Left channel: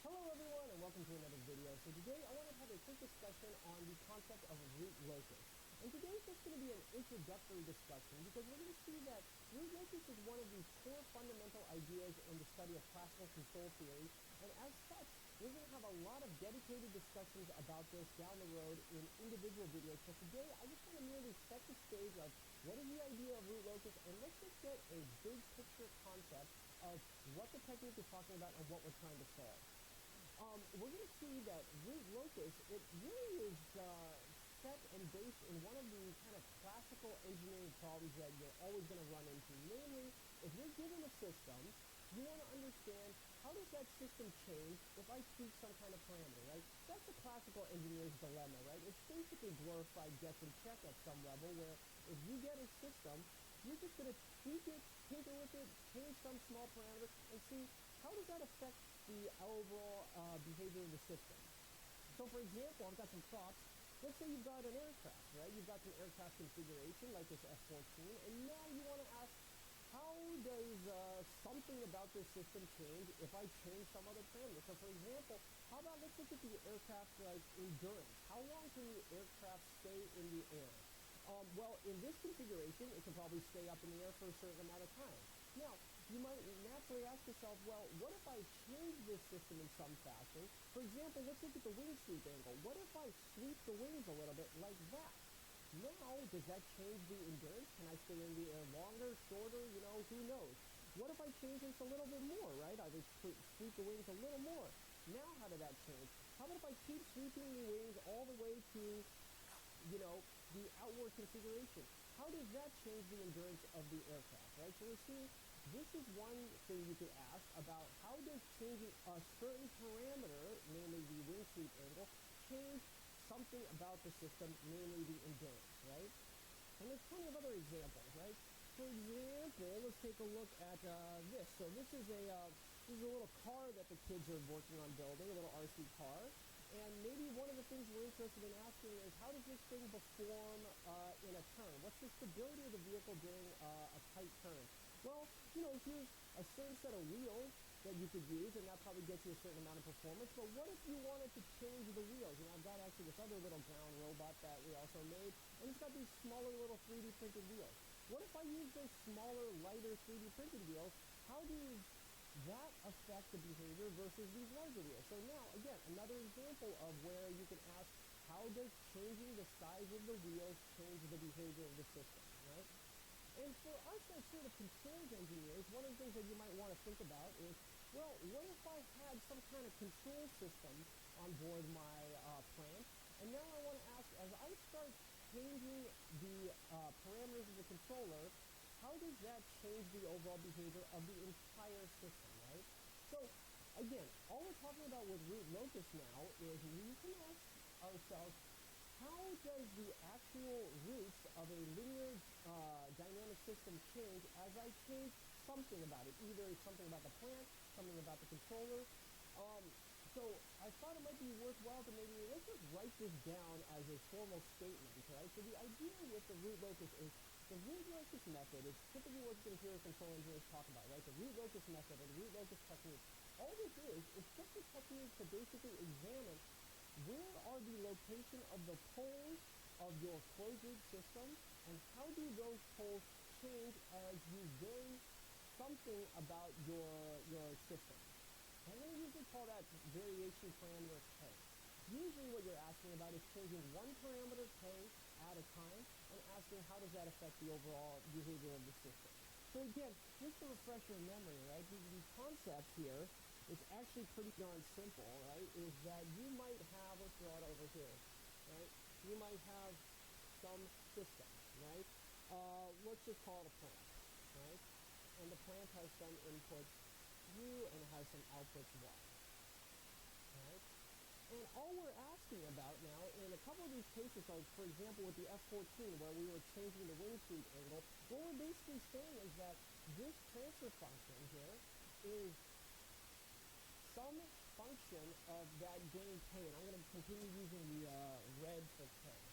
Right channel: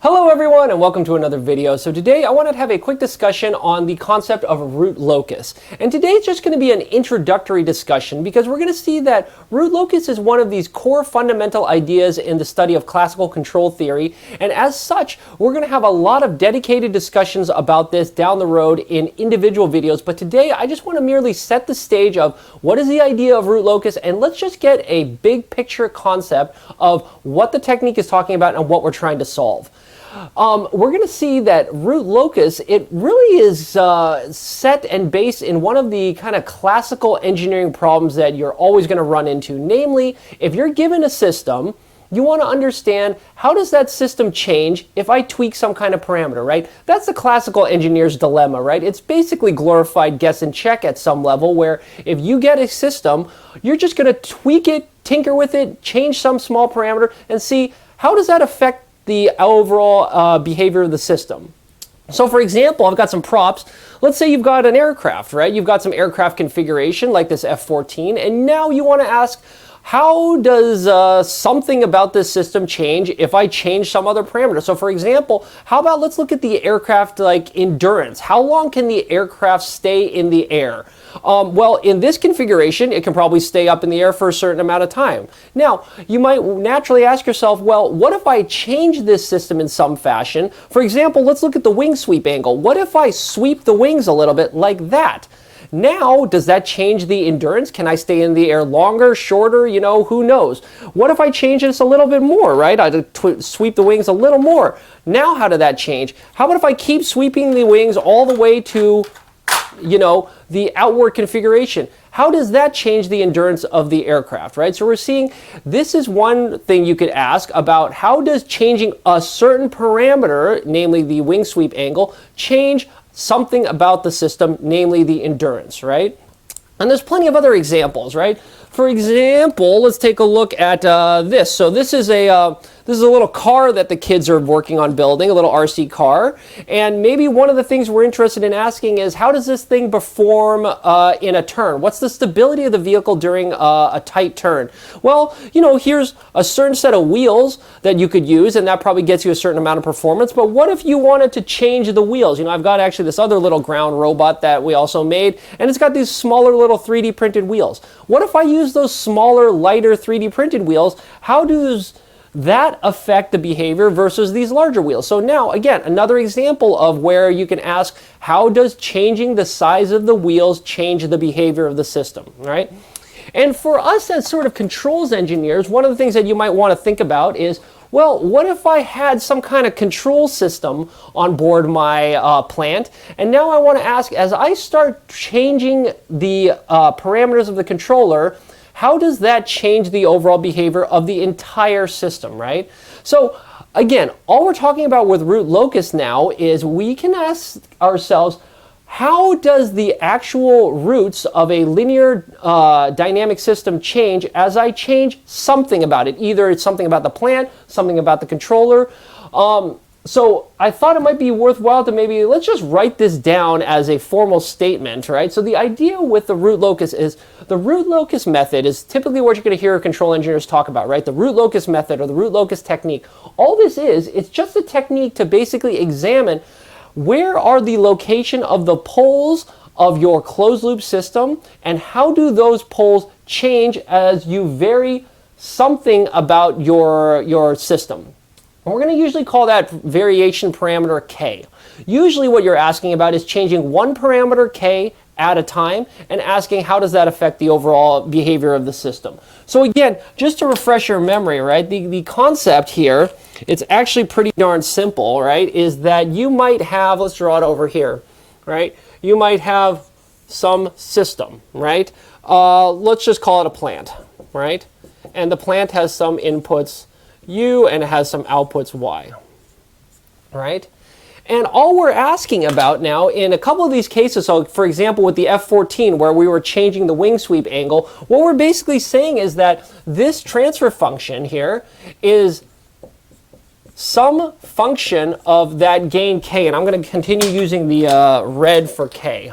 Hello everyone and welcome to another video. So today I wanted to have a quick discussion on the concept of root locus. And today it's just going to be an introductory discussion because we're going to see that root locus is one of these core fundamental ideas in the study of classical control theory. And as such, we're going to have a lot of dedicated discussions about this down the road in individual videos. But today I just want to merely set the stage of what is the idea of root locus, and let's just get a big picture concept of what the technique is talking about and what we're trying to solve. We're going to see that root locus, it really is set and based in one of the kind of classical engineering problems that you're always going to run into. Namely, if you're given a system, you want to understand how does that system change if I tweak some kind of parameter, right? That's the classical engineer's dilemma, right? It's basically glorified guess and check at some level, where if you get a system, you're just going to tweak it, tinker with it, change some small parameter, and see how does that affect the overall behavior of the system. So for example, I've got some props. Let's say you've got an aircraft, right? You've got some aircraft configuration like this F-14, and now you want to ask, how does something about this system change if I change some other parameter? So for example, how about let's look at the aircraft like endurance. How long can the aircraft stay in the air? Well, in this configuration, it can probably stay up in the air for a certain amount of time. Now, you might naturally ask yourself, well, what if I change this system in some fashion? For example, let's look at the wing sweep angle. What if I sweep the wings a little bit like that? Now, does that change the endurance? Can I stay in the air longer, shorter? You know, who knows? What if I change this a little bit more, right? I sweep the wings a little more. Now, how did that change? How about if I keep sweeping the wings all the way to, you know, the outward configuration? How does that change the endurance of the aircraft, right? So we're seeing this is one thing you could ask about: how does changing a certain parameter, namely the wing sweep angle, change something about the system, namely the endurance, right? And there's plenty of other examples, right? For example, let's take a look at this. So this is a little car that the kids are working on building, a little RC car. And maybe one of the things we're interested in asking is, how does this thing perform in a turn? What's the stability of the vehicle during a tight turn? Well, you know, here's a certain set of wheels that you could use, and that probably gets you a certain amount of performance. But what if you wanted to change the wheels? You know, I've got actually this other little ground robot that we also made, and it's got these smaller little 3D printed wheels. What if I use those smaller, lighter 3D printed wheels? How does that affect the behavior versus these larger wheels? So now, again, another example of where you can ask, how does changing the size of the wheels change the behavior of the system, right? And for us as sort of controls engineers, one of the things that you might want to think about is, well, what if I had some kind of control system on board my plant, and now I want to ask, as I start changing the parameters of the controller, how does that change the overall behavior of the entire system, right? So again, all we're talking about with root locus now is we can ask ourselves, how does the actual roots of a linear dynamic system change as I change something about it? Either it's something about the plant, something about the controller. So I thought it might be worthwhile to maybe, let's just write this down as a formal statement, right? So the idea with the root locus is, the root locus method is typically what you're going to hear control engineers talk about, right? The root locus method or the root locus technique. All this is, it's just a technique to basically examine where are the location of the poles of your closed loop system, and how do those poles change as you vary something about your system. And we're going to usually call that variation parameter K. Usually what you're asking about is changing one parameter K at a time and asking, how does that affect the overall behavior of the system? So again, just to refresh your memory, right, the concept here, it's actually pretty darn simple, right, is that you might have, let's draw it over here, right, you might have some system, right, let's just call it a plant, right, and the plant has some inputs U and it has some outputs Y, right? And all we're asking about now in a couple of these cases, so for example with the F-14 where we were changing the wing sweep angle, what we're basically saying is that this transfer function here is some function of that gain K, and I'm going to continue using the red for K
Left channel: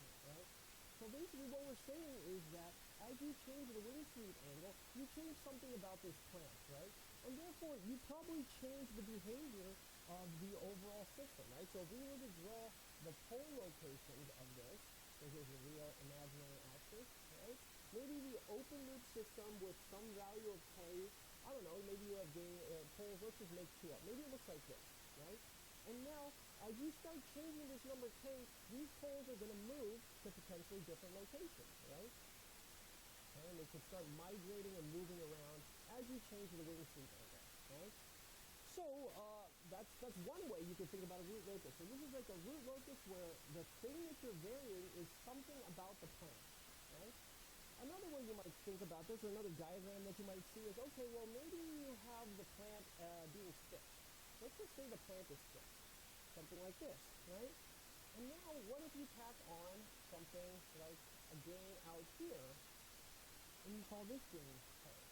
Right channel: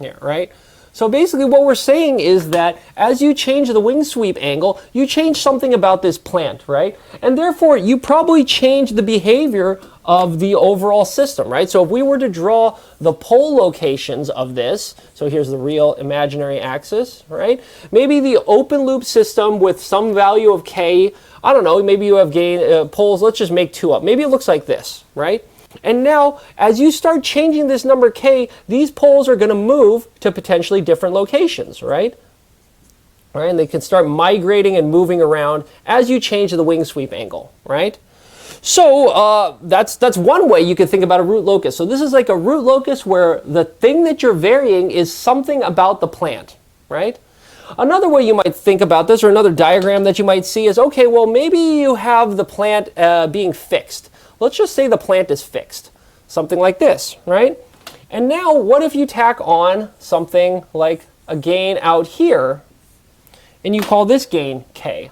here, right? So basically what we're saying is that as you change the wing sweep angle, you change something about this plant, right? And therefore you probably change the behavior of the overall system, right? So if we were to draw the pole locations of this, so here's the real imaginary axis, right? Maybe the open loop system with some value of K, I don't know, maybe you have gain poles, let's just make 2 up. Maybe it looks like this, right? And now, as you start changing this number K, these poles are going to move to potentially different locations, right? All right, and they can start migrating and moving around as you change the wing sweep angle, right? So that's one way you could think about a root locus. So this is like a root locus where the thing that you're varying is something about the plant, right? Another way you might think about this, or another diagram that you might see is, okay, well, maybe you have the plant being fixed. Let's just say the plant is fixed, something like this, right? And now what if you tack on something like a gain out here, and you call this gain K,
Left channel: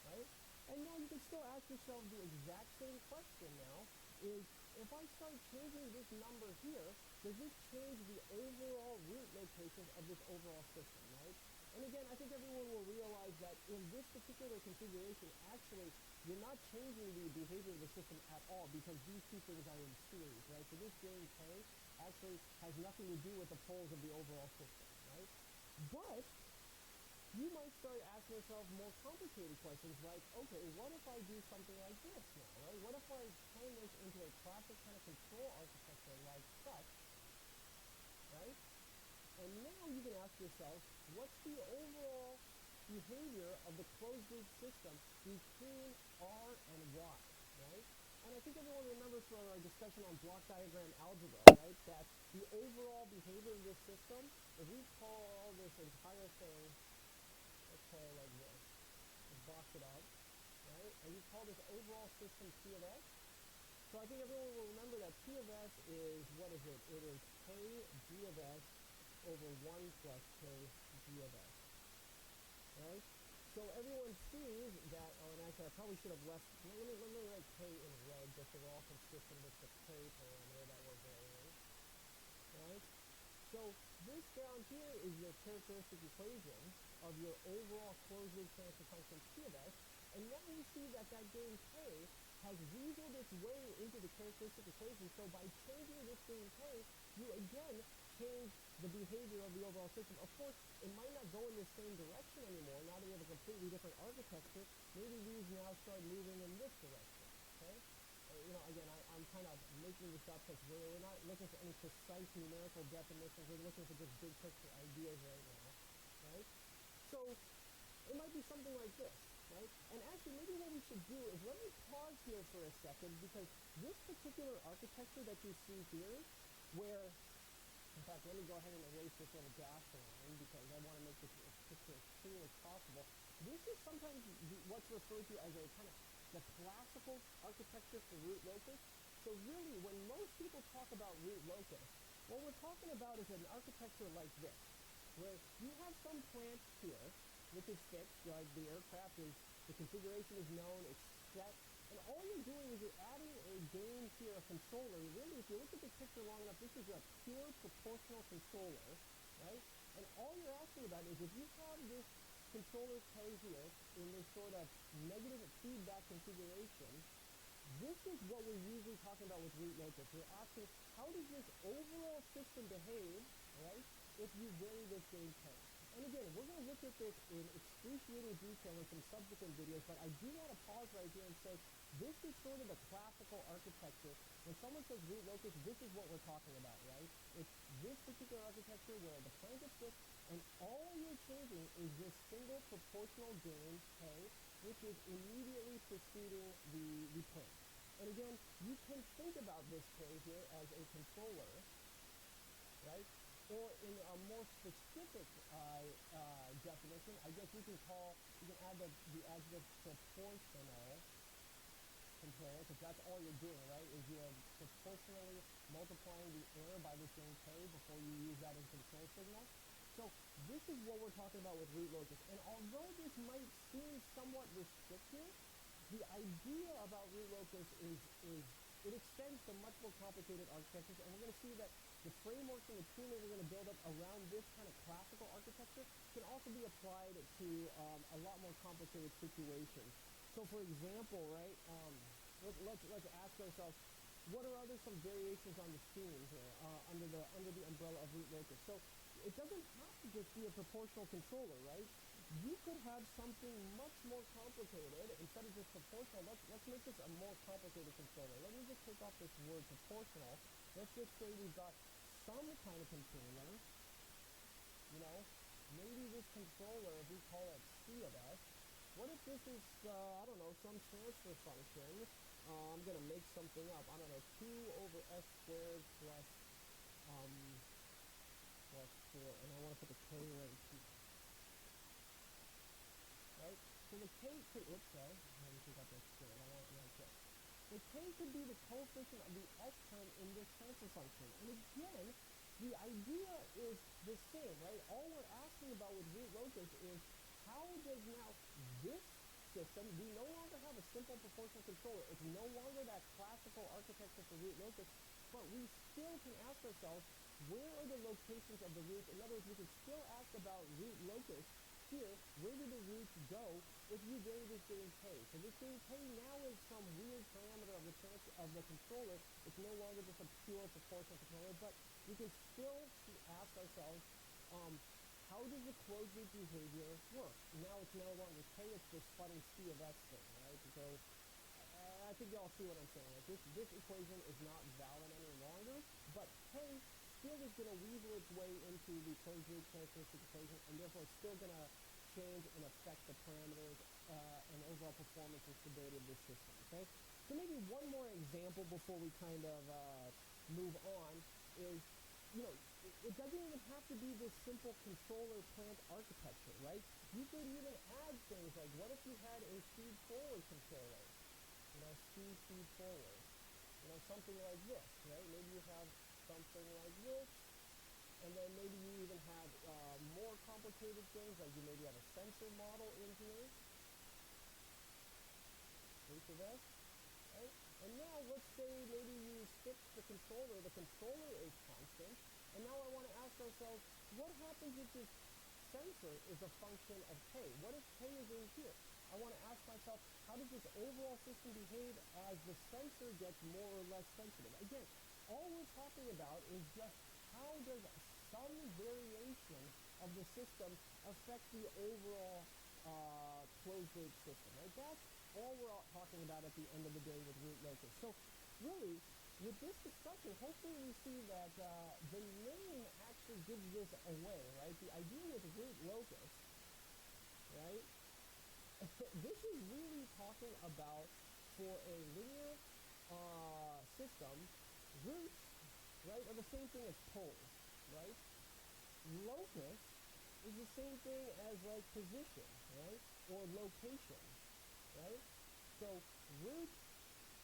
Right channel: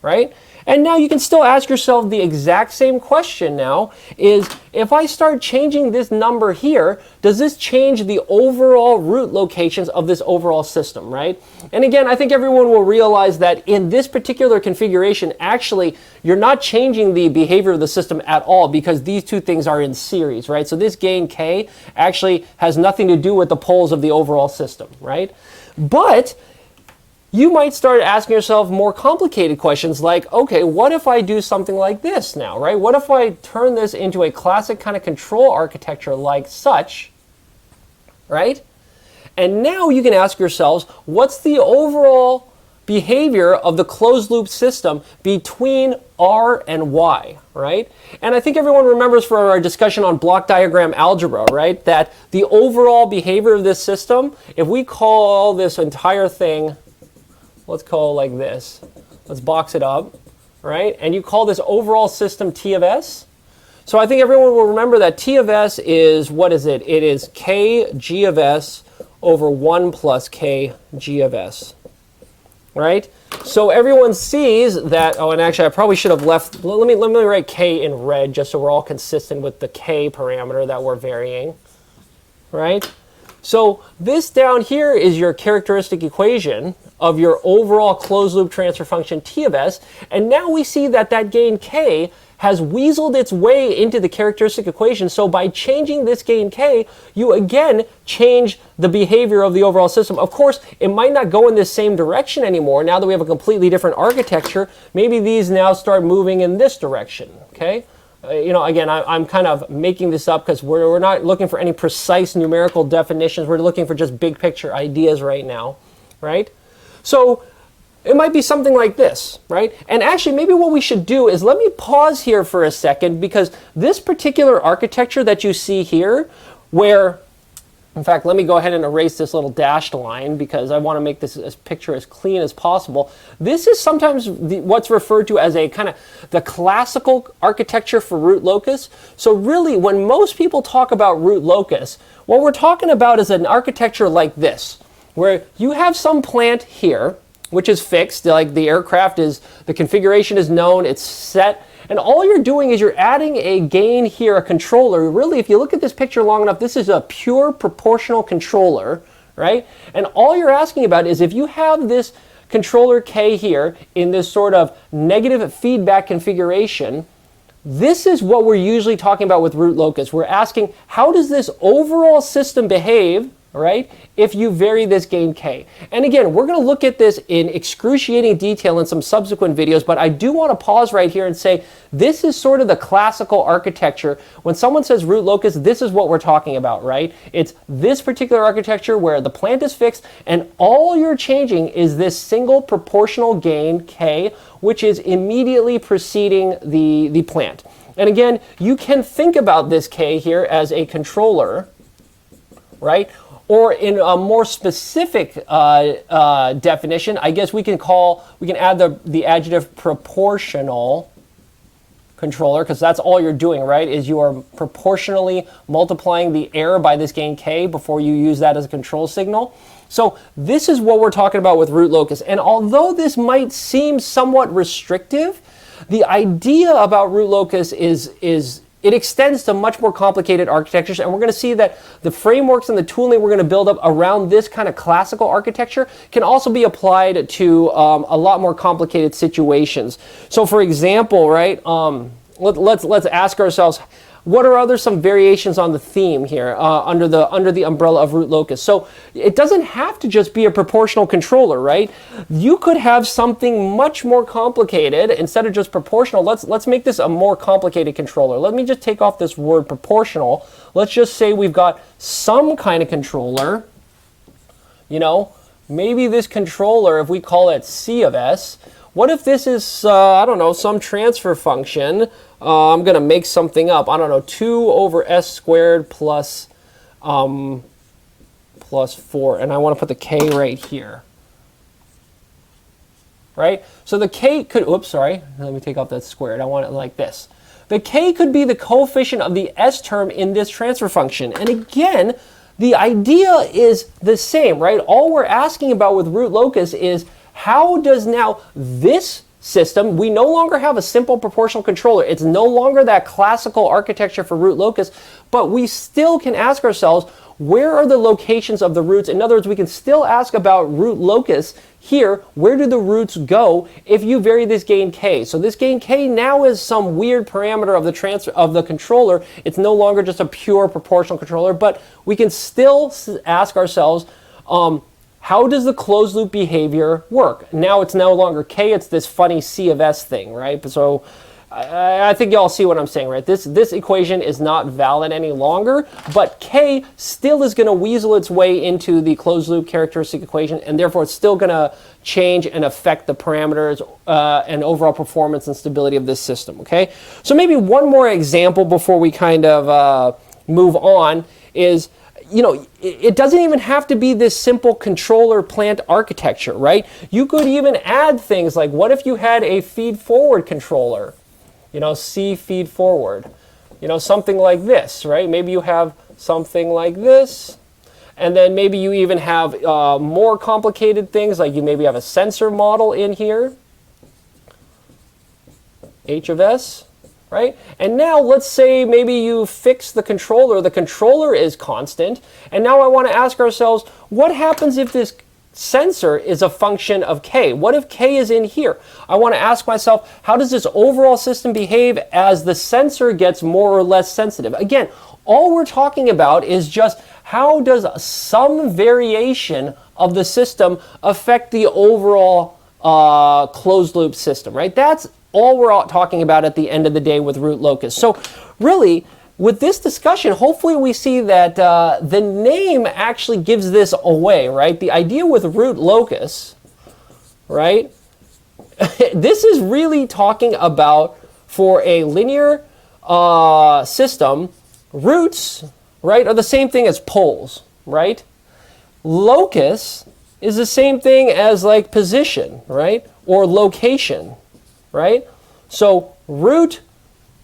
right? And now you can still ask yourself the exact same question now, is if I start changing this number here, does this change the overall root locations of this overall system, right? And again, I think everyone will realize that in this particular configuration, actually, you're not changing the behavior of the system at all because these two things are in series, right? So this gain K actually has nothing to do with the poles of the overall system, right? But you might start asking yourself more complicated questions like, okay, what if I do something like this now, right? What if I turn this into a classic kind of control architecture like such, right? And now you can ask yourselves, what's the overall behavior of the closed loop system between R and Y, right? And I think everyone remembers from our discussion on block diagram algebra, right, that the overall behavior of this system, if we call this entire thing, let's call it like this. Let's box it up, right? And you call this overall system T of S. So I think everyone will remember that T of S is, what is it? It is K G of S over 1 plus K G of S, right? So everyone sees that, oh, and actually I probably should have left, let me write K in red just so we're all consistent with the K parameter that we're varying, right? So this down here is your characteristic equation of your overall closed loop transfer function T of S, and now we see that that gain K has weaseled its way into the characteristic equation. So by changing this gain K, you again change the behavior of the overall system. Of course, it might not go in this same direction anymore. Now that we have a completely different architecture, maybe these now start moving in this direction, okay? You know, again, I'm kind of making this up because we're not looking for any precise numerical definitions. We're looking for just big picture ideas right now, right? So it might be something like this, right? And actually, maybe what we should do is let me pause here for a second, because this particular architecture that you see here, where, in fact, let me go ahead and erase this little dashed line because I want to make this picture as clean as possible. This is sometimes what's referred to as a kind of the classical architecture for root locus. So really, when most people talk about root locus, what we're talking about is an architecture like this, where you have some plant here, which is fixed, like the aircraft is, the configuration is known, it's set, and all you're doing is you're adding a gain here, a controller. Really, if you look at this picture long enough, this is a pure proportional controller, right? And all you're asking about is if you have this controller K here in this sort of negative feedback configuration, this is what we're usually talking about with root locus. We're asking, how does this overall system behave, right, if you vary this gain K? And again, we're going to look at this in excruciating detail in some subsequent videos, but I do want to pause right here and say this is sort of the classical architecture. When someone says root locus, this is what we're talking about, right? It's this particular architecture where the plant is fixed and all you're changing is this single proportional gain K, which is immediately preceding the plant. And again, you can think about this K here as a controller, right? Or in a more specific definition, I guess we can add the adjective proportional controller, because that's all you're doing, right? Is you are proportionally multiplying the error by this gain K before you use that as a control signal. So this is what we're talking about with root locus. And although this might seem somewhat restrictive, the idea about root locus is it extends to much more complicated architectures, and we're going to see that the frameworks and the tooling we're going to build up around this kind of classical architecture can also be applied to a lot more complicated situations. So for example, right, let's ask ourselves, what are some variations on the theme here under the umbrella of root locus? So it doesn't have to just be a proportional controller, right? You could have something much more complicated instead of just proportional. Let's make this a more complicated controller. Let me just take off this word proportional. Let's just say we've got some kind of controller. You know, maybe this controller, if we call it C of S, what if this is I don't know, some transfer function? I'm going to make something up. I don't know, 2 over s squared plus 4. And I want to put the k right here. Right? So the k could, oops, sorry. Let me take off that squared. I want it like this. The k could be the coefficient of the s term in this transfer function. And again, the idea is the same, right? All we're asking about with root locus is how does now this system, we no longer have a simple proportional controller. It's no longer that classical architecture for root locus, but we still can ask ourselves, where are the locations of the roots? In other words, we can still ask about root locus here. Where do the roots go if you vary this gain k? So this gain k now is some weird parameter of the transfer of the controller. It's no longer just a pure proportional controller, but we can still ask ourselves, how does the closed loop behavior work? Now it's no longer k, it's this funny C of S thing, right? So I think y'all see what I'm saying, right? This equation is not valid any longer, but k still is going to weasel its way into the closed loop characteristic equation, and therefore it's still going to change and affect the parameters and overall performance and stability of this system, okay? So maybe one more example before we kind of move on is, you know, it doesn't even have to be this simple controller plant architecture, right? You could even add things like, what if you had a feed forward controller? You know, C feed forward. You know, something like this, right? Maybe you have something like this. And then maybe you even have more complicated things, like you maybe have a sensor model in here. H of S. Right? And now let's say maybe you fix the controller is constant, and now I want to ask ourselves, what happens if this sensor is a function of k? What if k is in here? I want to ask myself, how does this overall system behave as the sensor gets more or less sensitive? Again, all we're talking about is just how does some variation of the system affect the overall closed loop system, right? That's all we're talking about at the end of the day with root locus. So really, with this discussion, hopefully we see that the name actually gives this away, right? The idea with root locus, right? This is really talking about, for a linear system, roots, right, are the same thing as poles, right? Locus is the same thing as like position, right? Or location. Right? So root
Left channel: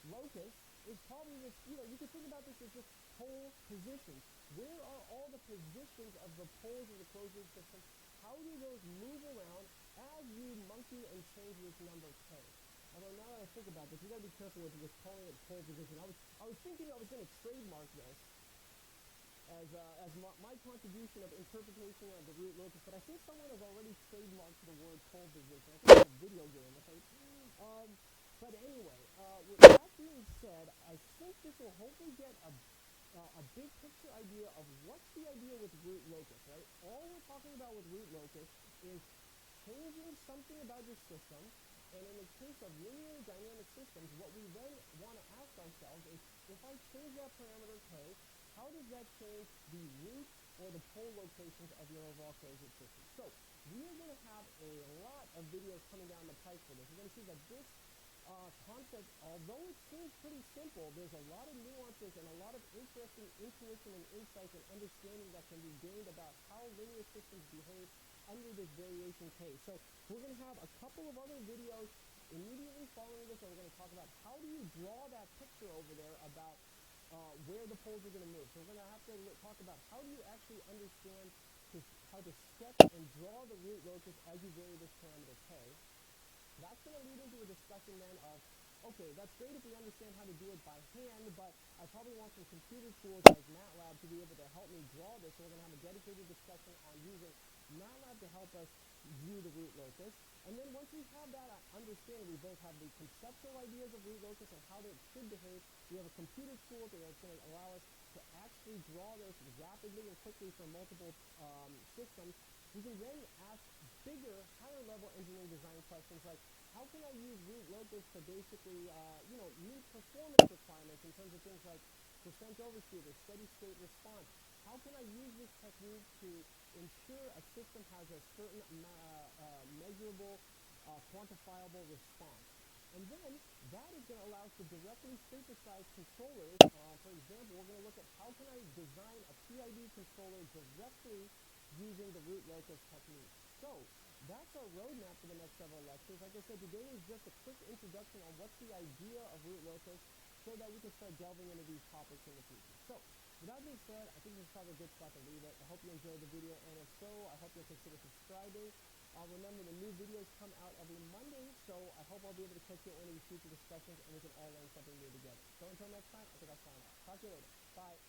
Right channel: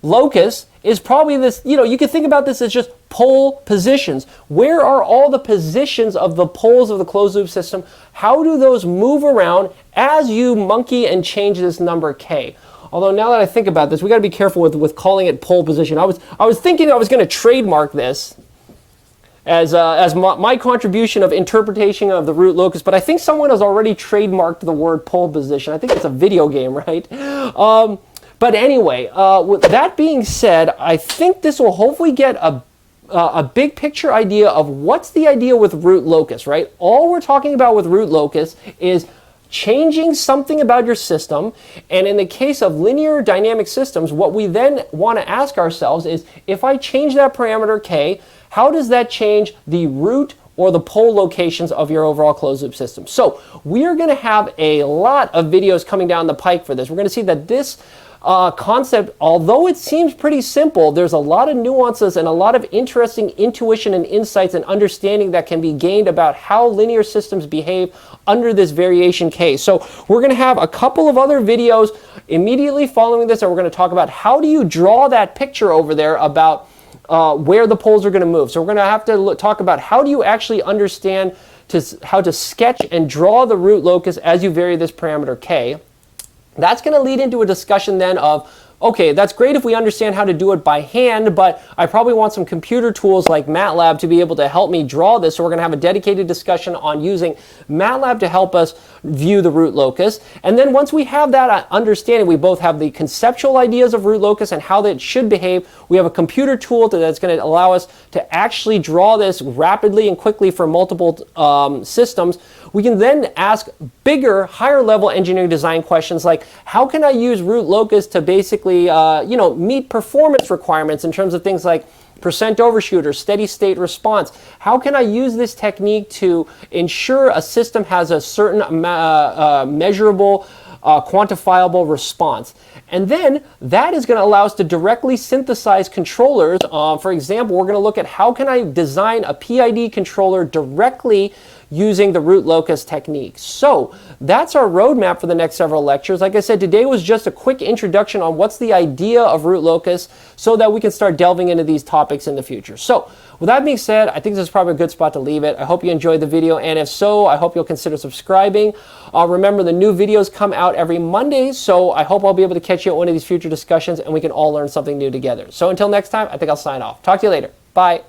locus is probably this, you know, you can think about this as just pole positions. Where are all the positions of the poles of the closed loop system? How do those move around as you monkey and change this number k? Although now that I think about this, we got to be careful with calling it pole position. I was thinking I was going to trademark this as my contribution of interpretation of the root locus, but I think someone has already trademarked the word pole position. I think it's a video game, right? But anyway, with that being said, I think this will hopefully get a big picture idea of what's the idea with root locus, right? All we're talking about with root locus is changing something about your system, and in the case of linear dynamic systems, what we then want to ask ourselves is, if I change that parameter k, how does that change the root or the pole locations of your overall closed loop system? So we are going to have a lot of videos coming down the pike for this. We're going to see that this concept, although it seems pretty simple, there's a lot of nuances and a lot of interesting intuition and insights and understanding that can be gained about how linear systems behave under this variation k. So we're going to have a couple of other videos immediately following this, and we're going to talk about how do you draw that picture over there about where the poles are going to move. So we're going to have to talk about how do you actually understand how to sketch and draw the root locus as you vary this parameter k. That's going to lead into a discussion then of okay, that's great if we understand how to do it by hand, but I probably want some computer tools like MATLAB to be able to help me draw this. So we're going to have a dedicated discussion on using MATLAB to help us view the root locus. And then once we have that understanding, we both have the conceptual ideas of root locus and how that should behave. We have a computer tool that's going to allow us to actually draw this rapidly and quickly for multiple systems. We can then ask bigger, higher level engineering design questions like, how can I use root locus to basically meet performance requirements in terms of things like percent overshoot or steady state response? How can I use this technique to ensure a system has a certain measurable, quantifiable response? And then that is going to allow us to directly synthesize controllers. For example, we're going to look at how can I design a PID controller directly using the root locus technique. So that's our roadmap for the next several lectures. Like I said, today was just a quick introduction on what's the idea of root locus so that we can start delving into these topics in the future. So with that being said, I think this is probably a good spot to leave it. I hope you enjoyed the video, and if so, I hope you'll consider subscribing. Remember, the new videos come out every Monday, so I hope I'll be able to catch you at one of these future discussions and we can all learn something new together. So until next time, I think I'll sign off. Talk to you later. Bye.